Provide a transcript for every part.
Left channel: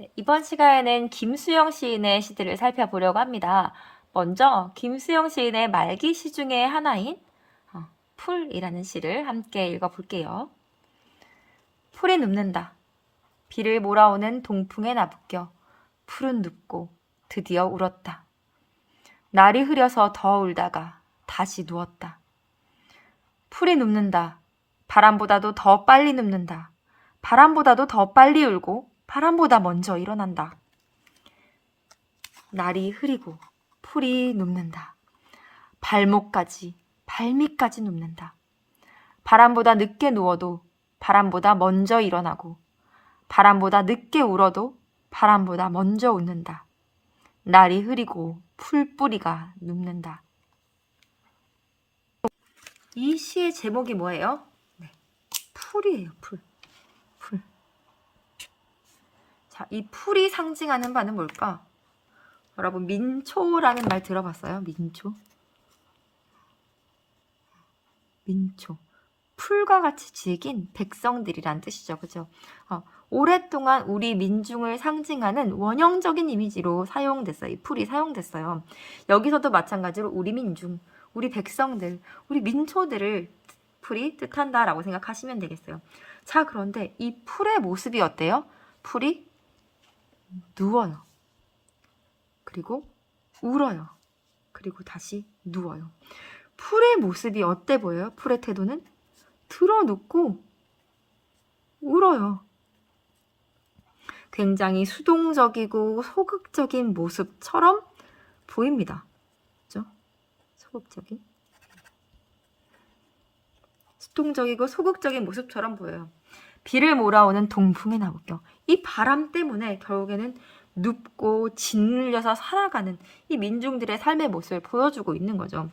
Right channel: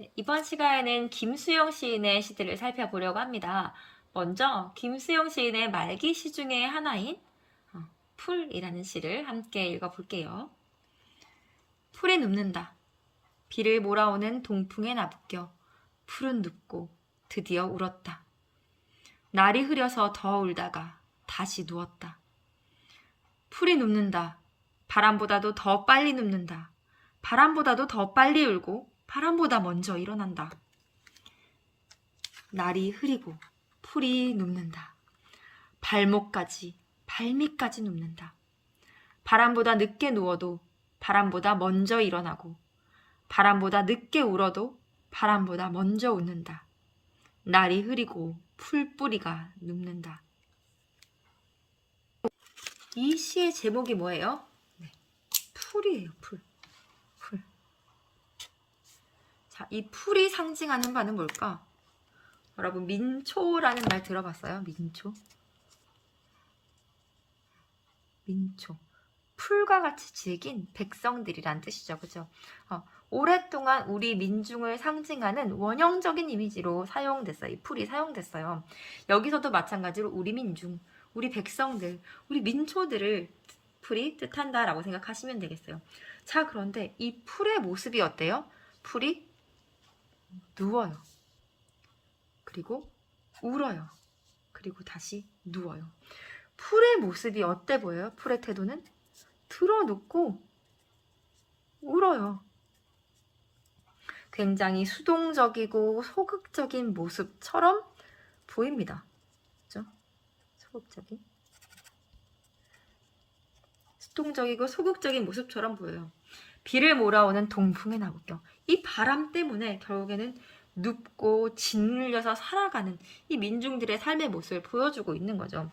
네, 이번 시간에는 김수영 시인의 시들을 살펴보려고 합니다. 먼저 김수영 시인의 말기 시 중에 하나인 풀이라는 시를 함께 읽어볼게요. 풀이 눕는다. 비를 몰아오는 동풍에 나부껴 풀은 눕고 드디어 울었다. 날이 흐려서 더 울다가 다시 누웠다. 풀이 눕는다. 바람보다도 더 빨리 눕는다. 바람보다도 더 빨리 울고 바람보다 먼저 일어난다. 날이 흐리고 풀이 눕는다. 발밑까지 눕는다. 바람보다 늦게 누워도 바람보다 먼저 일어나고 바람보다 늦게 울어도 바람보다 먼저 웃는다. 날이 흐리고 풀뿌리가 눕는다. 이 시의 제목이 뭐예요? 네, 풀이에요. 풀. 자, 이 풀이 상징하는 바는 뭘까? 여러분, 민초라는 말 들어봤어요? 민초. 풀과 같이 즐긴 백성들이란 뜻이죠. 그죠? 오랫동안 우리 민중을 상징하는 원형적인 이미지로 사용됐어요. 이 풀이 사용됐어요. 여기서도 마찬가지로 우리 민중, 우리 백성들, 우리 민초들을 풀이 뜻한다라고 생각하시면 되겠어요. 자, 그런데 이 풀의 모습이 어때요? 풀이 누워요. 그리고 울어요. 그리고 다시 누워요. 풀의 모습이 어때 보여요? 풀의 태도는 드러눕고 울어요. 굉장히 수동적이고 소극적인 모습처럼 보입니다. 그죠? 수동적이고 소극적인 모습처럼 보여요. 비를 몰아오는 동풍에 나부껴. 이 바람 때문에 결국에는 눕고 짓눌려서 살아가는 이 민중들의 삶의 모습을 보여주고 있는 거죠.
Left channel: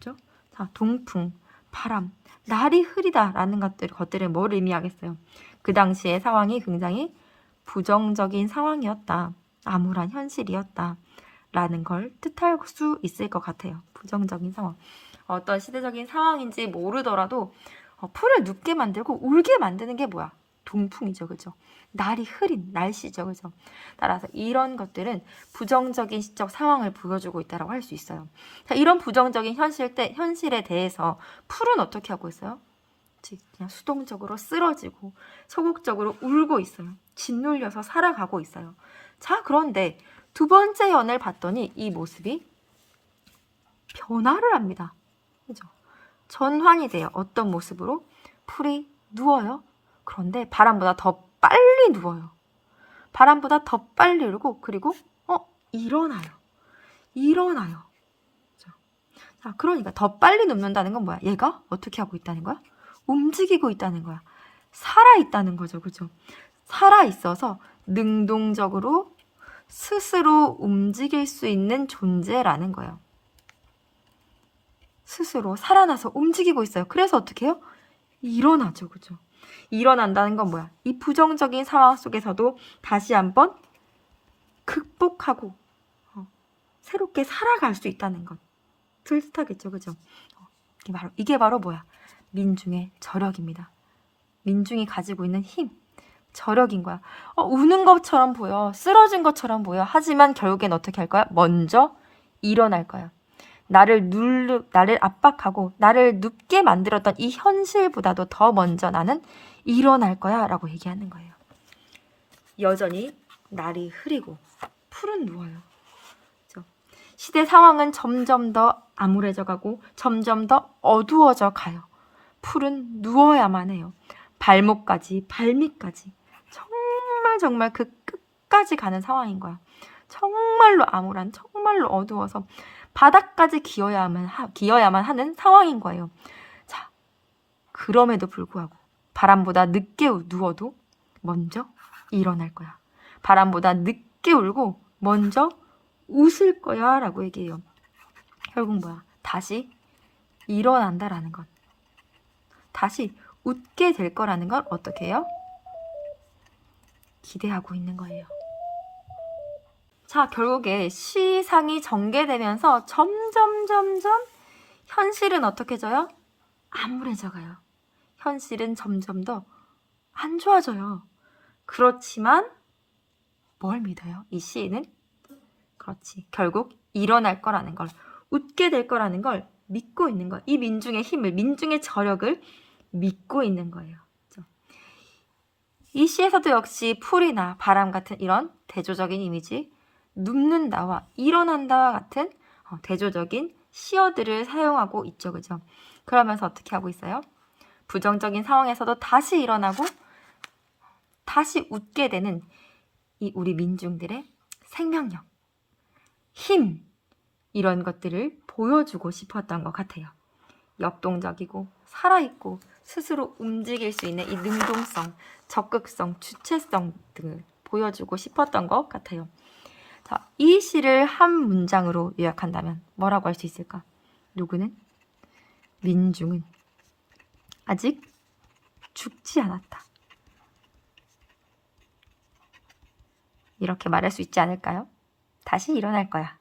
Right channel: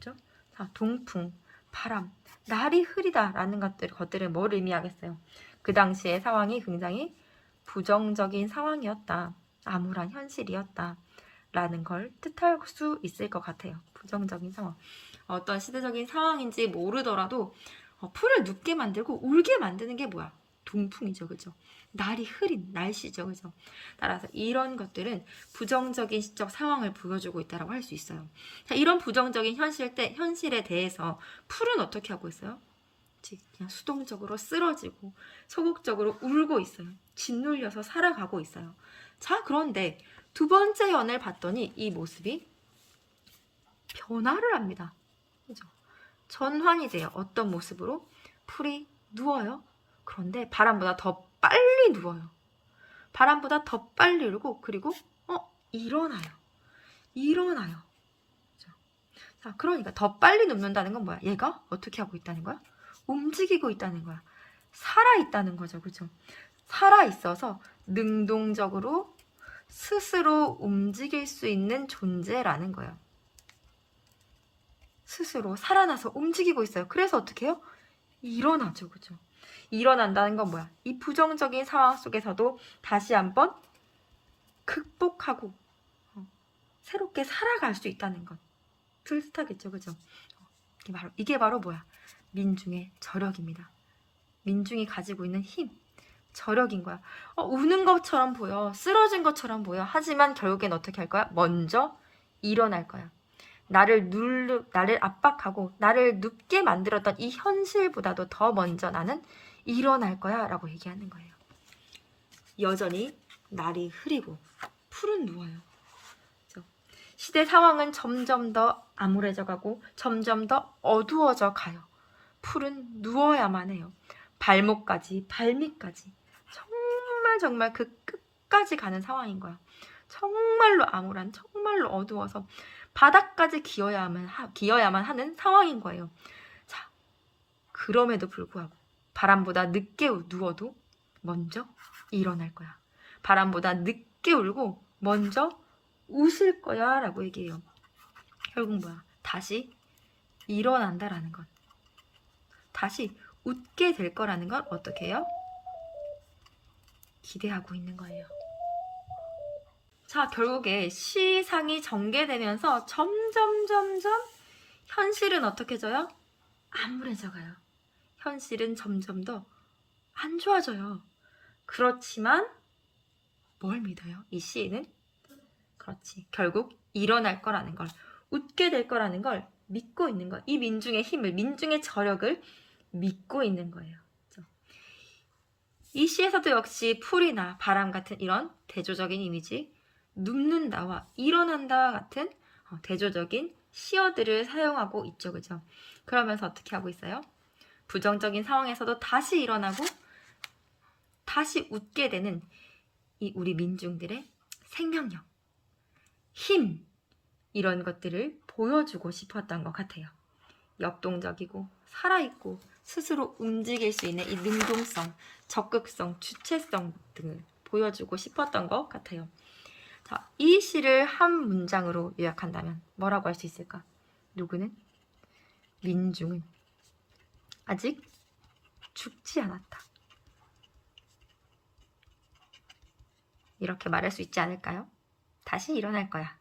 그렇죠? 자, 동풍, 바람, 날이 흐리다라는 것들은 뭘 의미하겠어요? 그 당시의 상황이 굉장히 부정적인 상황이었다. 암울한 현실이었다. 라는 걸 뜻할 수 있을 것 같아요. 부정적인 상황. 어떤 시대적인 상황인지 모르더라도 풀을 눕게 만들고 울게 만드는 게 뭐야? 동풍이죠. 그죠? 날이 흐린 날씨죠. 그죠? 따라서 이런 것들은 부정적인 시적 상황을 보여주고 있다고 할 수 있어요. 자, 이런 부정적인 현실에 대해서 풀은 어떻게 하고 있어요? 그냥 수동적으로 쓰러지고 소극적으로 울고 있어요. 짓눌려서 살아가고 있어요. 자, 그런데 두 번째 연을 봤더니 이 모습이 변화를 합니다. 그죠? 전환이 돼요. 어떤 모습으로? 풀이 누워요. 그런데 바람보다 더 빨리 누워요. 바람보다 더 빨리 울고 그리고 일어나요. 그죠? 자, 그러니까 더 빨리 눕는다는 건 뭐야? 얘가 어떻게 하고 있다는 거야? 움직이고 있다는 거야. 살아있다는 거죠. 그죠? 살아있어서 능동적으로 스스로 움직일 수 있는 존재라는 거예요. 스스로 살아나서 움직이고 있어요. 그래서 어떻게 해요? 일어나죠. 그죠? 일어난다는 건 뭐야? 이 부정적인 상황 속에서도 다시 한번 극복하고 새롭게 살아갈 수 있다는 것. 뜻하겠죠. 그죠? 이게 바로 뭐야? 민중의 저력입니다. 민중이 가지고 있는 힘. 저력인 거야. 우는 것처럼 보여. 쓰러진 것처럼 보여. 하지만 결국엔 어떻게 할 거야? 먼저 일어날 거야. 나를 압박하고 나를 눕게 만들었던 이 현실보다도 더 먼저 나는 일어날 거야 라고 얘기하는 거예요. 여전히 날이 흐리고 풀은 누워요. 그렇죠? 시대 상황은 점점 더 암울해져 가고 점점 더 어두워져 가요. 풀은 누워야만 해요. 발밑까지 정말 그 끝까지 가는 상황인 거야. 정말로 암울한, 정말로 어두워서 바닥까지 기어야만 하는 상황인 거예요. 자, 그럼에도 불구하고 바람보다 늦게 누워도 먼저 일어날 거야. 바람보다 늦게 울고 먼저 웃을 거야 라고 얘기해요. 결국 뭐야? 다시 일어난다라는 것. 다시 웃게 될 거라는 걸 어떻게 해요? 기대하고 있는 거예요. 자, 결국에 시상이 전개되면서 점점 현실은 어떻게 져요? 암울해져 가요. 현실은 점점 더 안 좋아져요. 그렇지만 뭘 믿어요? 이 시인은 그렇지. 결국 일어날 거라는 걸, 웃게 될 거라는 걸 믿고 있는 거예요. 이 민중의 힘을, 민중의 저력을 믿고 있는 거예요. 그렇죠? 이 시에서도 역시 풀이나 바람 같은 이런 대조적인 이미지, 눕는다와 일어난다와 같은 대조적인 시어들을 사용하고 있죠. 그죠? 그러면서 어떻게 하고 있어요? 부정적인 상황에서도 다시 일어나고 다시 웃게 되는 이 우리 민중들의 생명력, 힘, 이런 것들을 보여주고 싶었던 것 같아요. 역동적이고 살아있고 스스로 움직일 수 있는 이 능동성, 적극성, 주체성 등을 보여주고 싶었던 것 같아요. 자, 이 시를 한 문장으로 요약한다면 뭐라고 할 수 있을까? 누구는? 민중은 아직 죽지 않았다. 이렇게 말할 수 있지 않을까요? 다시 일어날 거야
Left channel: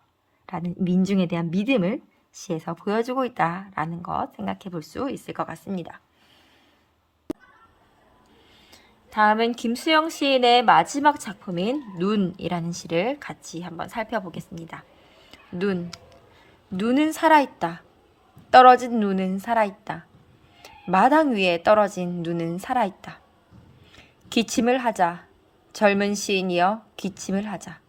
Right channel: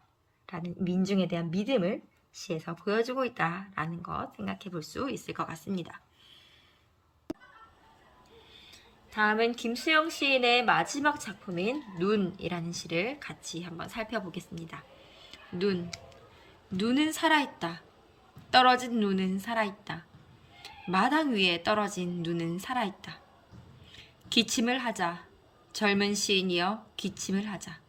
라는 민중에 대한 믿음을 시에서 보여주고 있다라는 것 생각해 볼 수 있을 것 같습니다. 다음은 김수영 시인의 마지막 작품인 눈이라는 시를 같이 한번 살펴보겠습니다. 눈은 살아있다. 떨어진 눈은 살아있다. 마당 위에 떨어진 눈은 살아있다. 기침을 하자. 젊은 시인이여 기침을 하자.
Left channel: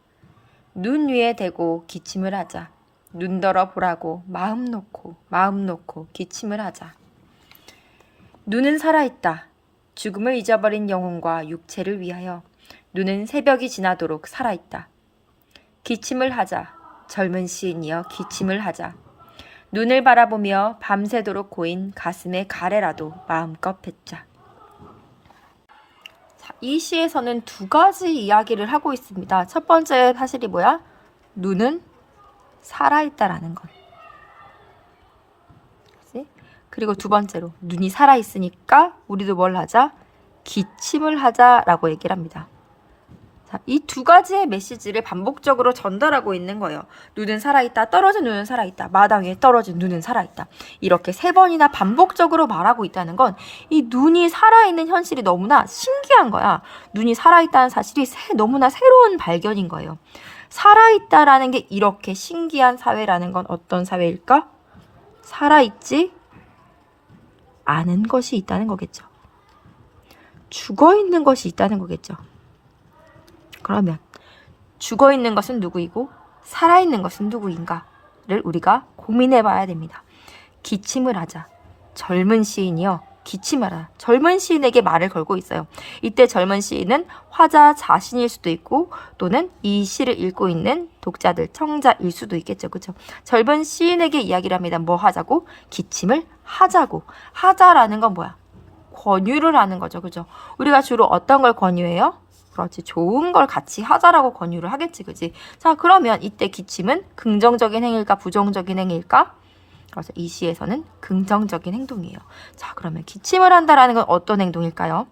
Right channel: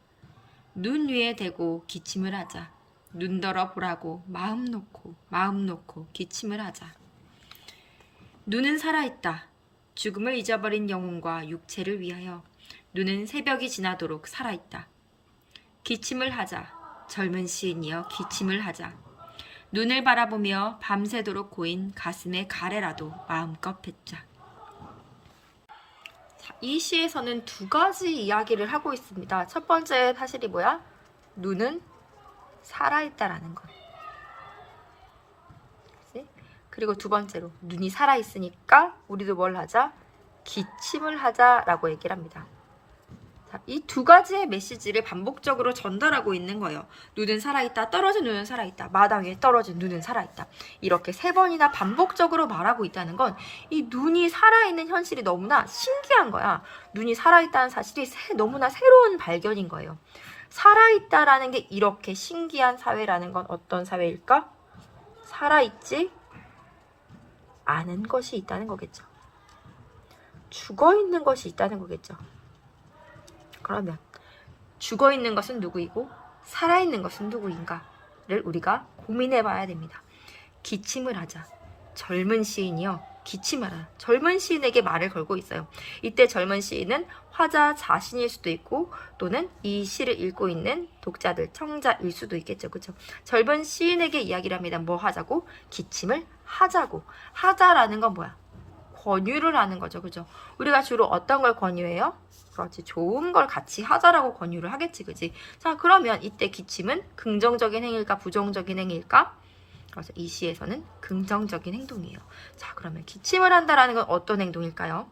눈 위에 대고 기침을 하자. 눈더러 보라고 마음 놓고 기침을 하자. 눈은 살아있다. 죽음을 잊어버린 영혼과 육체를 위하여 눈은 새벽이 지나도록 살아있다. 기침을 하자. 젊은 시인이여 기침을 하자. 눈을 바라보며 밤새도록 고인 가슴의 가래라도 마음껏 뱉자. 자, 이 시에서는 두 가지 이야기를 하고 있습니다. 첫 번째 사실이 뭐야? 눈은 살아있다라는 것. 그리고 두 번째로 눈이 살아있으니까 우리도 뭘 하자? 기침을 하자라고 얘기를 합니다. 이 두 가지의 메시지를 반복적으로 전달하고 있는 거예요. 눈은 살아있다, 떨어진 눈은 살아있다, 마당 위에 떨어진 눈은 살아있다. 이렇게 세 번이나 반복적으로 말하고 있다는 건 이 눈이 살아있는 현실이 너무나 신기한 거야. 눈이 살아있다는 사실이 너무나 새로운 발견인 거예요. 살아있다라는 게 이렇게 신기한 사회라는 건 어떤 사회일까? 살아있지 않은 것이 있다는 거겠죠. 죽어있는 것이 있다는 거겠죠. 그러면 죽어있는 것은 누구이고 살아있는 것은 누구인가를 우리가 고민해 봐야 됩니다. 기침을 하자. 젊은 시인이여 기침하라. 젊은 시인에게 말을 걸고 있어요. 이때 젊은 시인은 화자 자신일 수도 있고 또는 이 시를 읽고 있는 독자들, 청자일 수도 있겠죠. 그렇죠? 젊은 시인에게 이야기를 합니다. 뭐 하자고? 기침을 하자고. 하자라는 건 뭐야? 권유를 하는 거죠. 그죠? 우리가 주로 어떤 걸 권유해요? 그렇지. 좋은 걸 같이 하자라고 권유를 하겠지. 그지? 자, 그러면 이때 기침은 긍정적인 행위일까? 부정적인 행위일까? 그래서 이 시에서는 긍정적인 행동이에요. 자, 그러면 기침을 한다라는 건 어떤 행동일까요?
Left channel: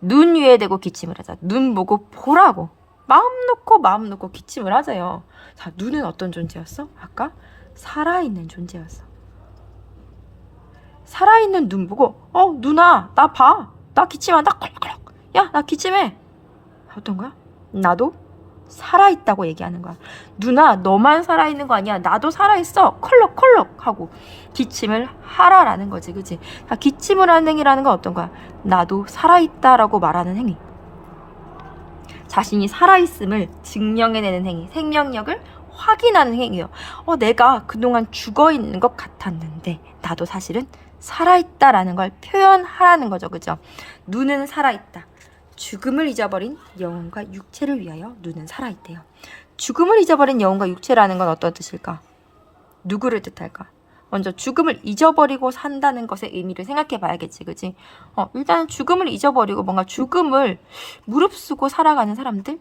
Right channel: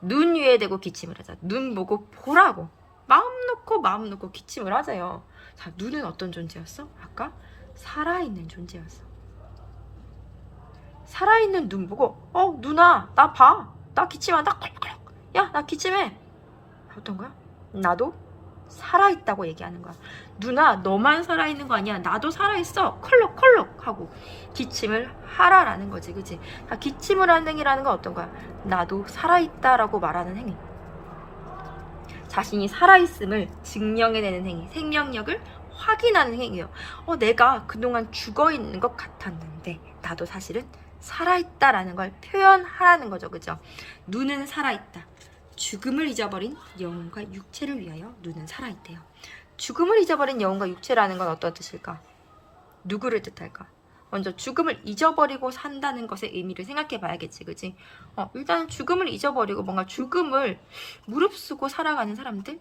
눈 위에 대고 기침을 하자. 눈 보고 보라고. 마음 놓고 기침을 하세요. 자, 눈은 어떤 존재였어? 아까 살아있는 존재였어. 살아있는 눈 보고 누나 나 봐. 나 기침한다. 콜록콜록. 야, 나 기침해. 어떤 거야? 나도 살아있다고 얘기하는 거야. 누나 너만 살아있는 거 아니야. 나도 살아있어. 컬럭컬럭 하고 기침을 하라라는 거지. 그치? 기침을 하는 행위라는 건 어떤 거야? 나도 살아있다라고 말하는 행위. 자신이 살아있음을 증명해내는 행위. 생명력을 확인하는 행위예요. 내가 그동안 죽어있는 것 같았는데 나도 사실은 살아있다라는 걸 표현하라는 거죠. 그죠? 눈은 살아있다. 죽음을 잊어버린 영혼과 육체를 위하여 눈은 살아있대요. 죽음을 잊어버린 영혼과 육체라는 건 어떤 뜻일까? 누구를 뜻할까? 먼저 죽음을 잊어버리고 산다는 것의 의미를 생각해 봐야겠지. 그치? 일단 죽음을 잊어버리고 뭔가 죽음을 무릅쓰고 살아가는 사람들?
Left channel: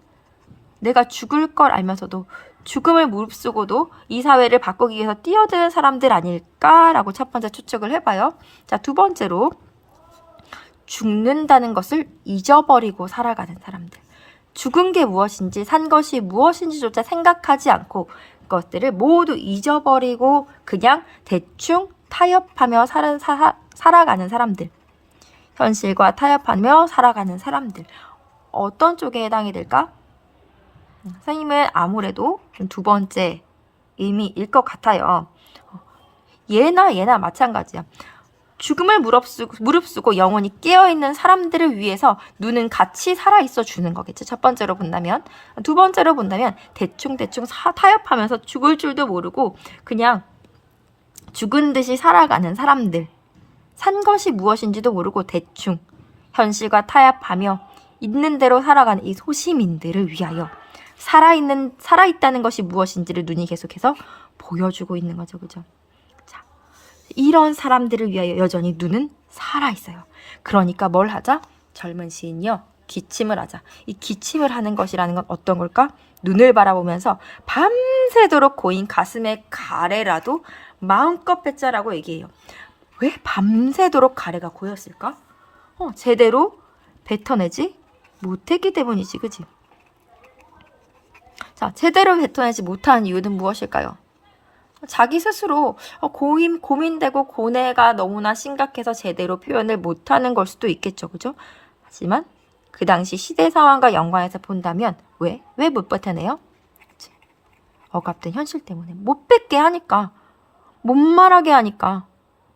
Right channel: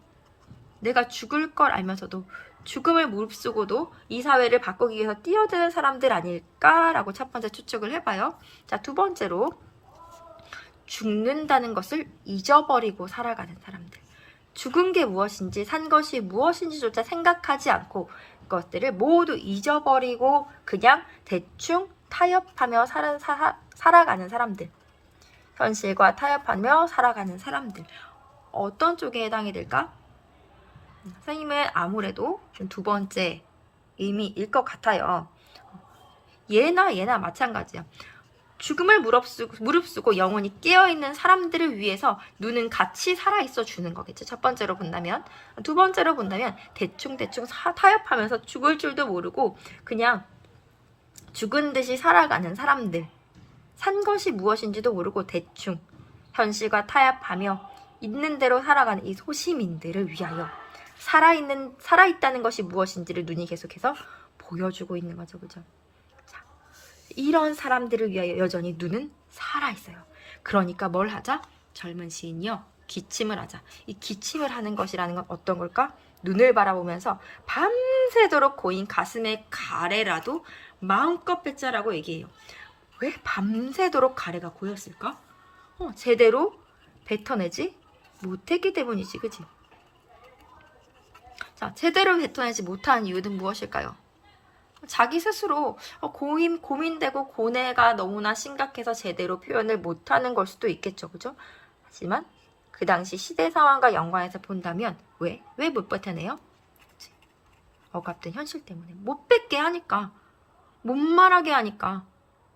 내가 죽을 걸 알면서도 죽음을 무릅쓰고도 이 사회를 바꾸기 위해서 뛰어드는 사람들 아닐까라고 첫 번째 추측을 해봐요. 자, 두 번째로 죽는다는 것을 잊어버리고 살아가는 사람들. 죽은 게 무엇인지 산 것이 무엇인지조차 생각하지 않고 그것들을 모두 잊어버리고 그냥 대충 타협하며 살아가는 사람들. 현실과 타협하며 살아가는 사람들. 어떤 쪽에 해당이 될까? 선생님은 아무래도 두 번째 의미일 것 같아요. 얘나 마찬가지야. 죽음을 무릅쓰고 영원히 깨어있는 사람들을 위해서 눈은 같이 살아있어 주는 거겠지. 첫 번째로 본다면. 두 번째로 본다면 대충 타협하면서 죽을 줄도 모르고 그냥 죽은 듯이 살아가는 사람들. 산 것이 무엇인지도 모르고 대충 현실과 타협하며 있는 대로 살아가는 이 소시민들을 위하여 살아있다는 것이 무엇인지를 눈이 계속해서 보여주고 있는 거죠. 그죠? 자, 이런 사람들을 위하여 여전히 눈은 살아있어요. 그러니까 뭘 하자? 젊은 시인이요. 기침을 하자. 이 기침을 하는 것이라는 건 어떤 걸까? 눈을 바라보면서 밤새도록 고인 가슴의 가래라도 마음껏 뱉자라고 얘기해요. 왜 밤새도록 가래가 고였을까? 제대로 뱉어내지 못했기 때문이지, 그지? 자, 제대로 뱉어내지 못하는 이유는 무엇일까요? 자기 스스로 고민되고 고뇌가 너무나 심각해서 제대로 표현을 못하는 걸 수도 있겠죠, 그죠? 하지만 그 당시 시대 상황과 연관해서 본다면 왜 못 뱉어내요? 억압된 현실 때문에 못 뱉게 하니까, 못 말하게 하니까,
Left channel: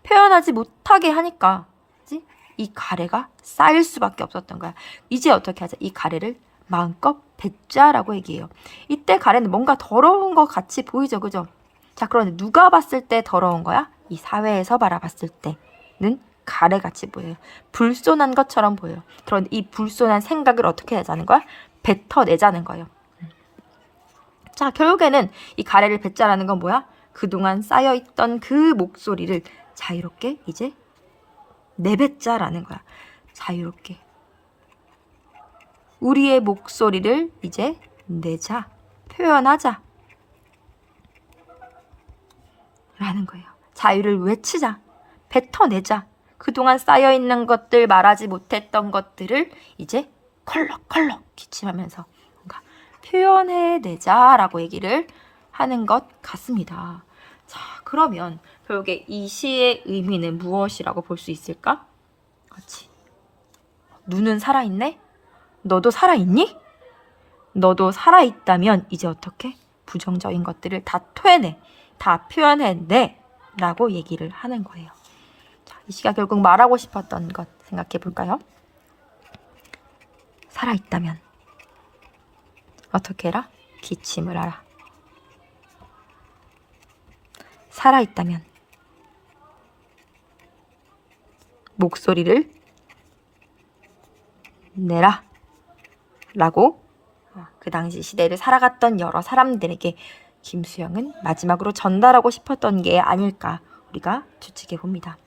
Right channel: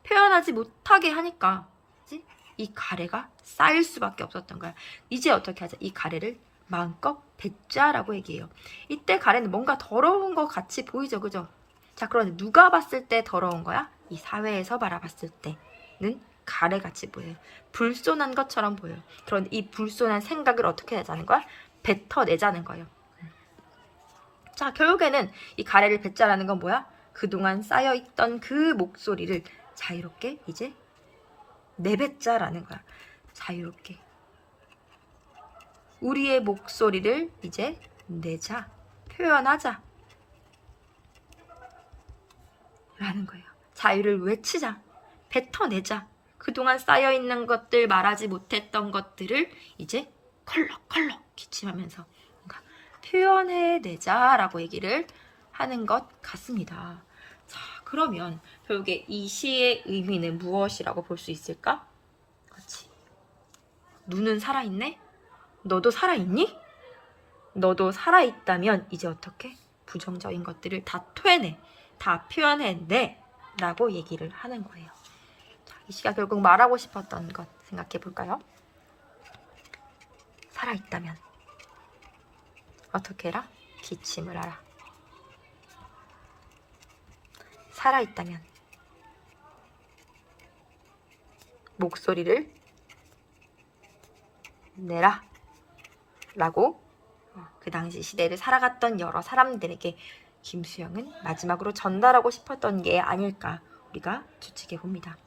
표현하지 못하게 하니까, 그치? 이 가래가 쌓일 수밖에 없었던 거야. 이제 어떻게 하자? 이 가래를 마음껏 뱉자라고 얘기해요. 이때 가래는 뭔가 더러운 것 같이 보이죠, 그죠? 자, 그런데 누가 봤을 때 더러운 거야? 이 사회에서 바라봤을 때는 가래같이 보여요. 불손한 것처럼 보여요. 그런데 이 불손한 생각을 어떻게 하자는 거야? 뱉어내자는 거예요. 자, 결국에는 이 가래를 뱉자라는 건 뭐야? 그동안 쌓여있던 그 목소리를 자유롭게 이제 내뱉자라는 거야. 자유롭게. 우리의 목소리를 이제 내자. 표현하자. 라는 거예요. 자유를 외치자. 뱉어내자. 그동안 쌓여있는 것들, 말하지 못했던 것들을 이제 컬럭컬럭 기침하면서 뭔가 표현해내자라고 얘기를 하는 것 같습니다. 자, 그러면 결국에 이 시의 의미는 무엇이라고 볼 수 있을까? 그렇지. 눈은 살아있네? 너도 살아있니? 너도 살아있다면 이제 어떻게? 부정적인 것들을 다 토해내. 다 표현해내. 라고 얘기를 하는 거예요. 자, 이 시가 결국 말하고 싶었던 것 생각해 볼까요? 살아있다면 어떻게 해라? 기침을 하라. 살아있다면 목소리를 내라 라고 그 당시 시대를 살아갔던 여러 사람들에게 김수영은 마지막으로 전달하고 싶었던 게 아닐까 우리가 추측해 봅니다.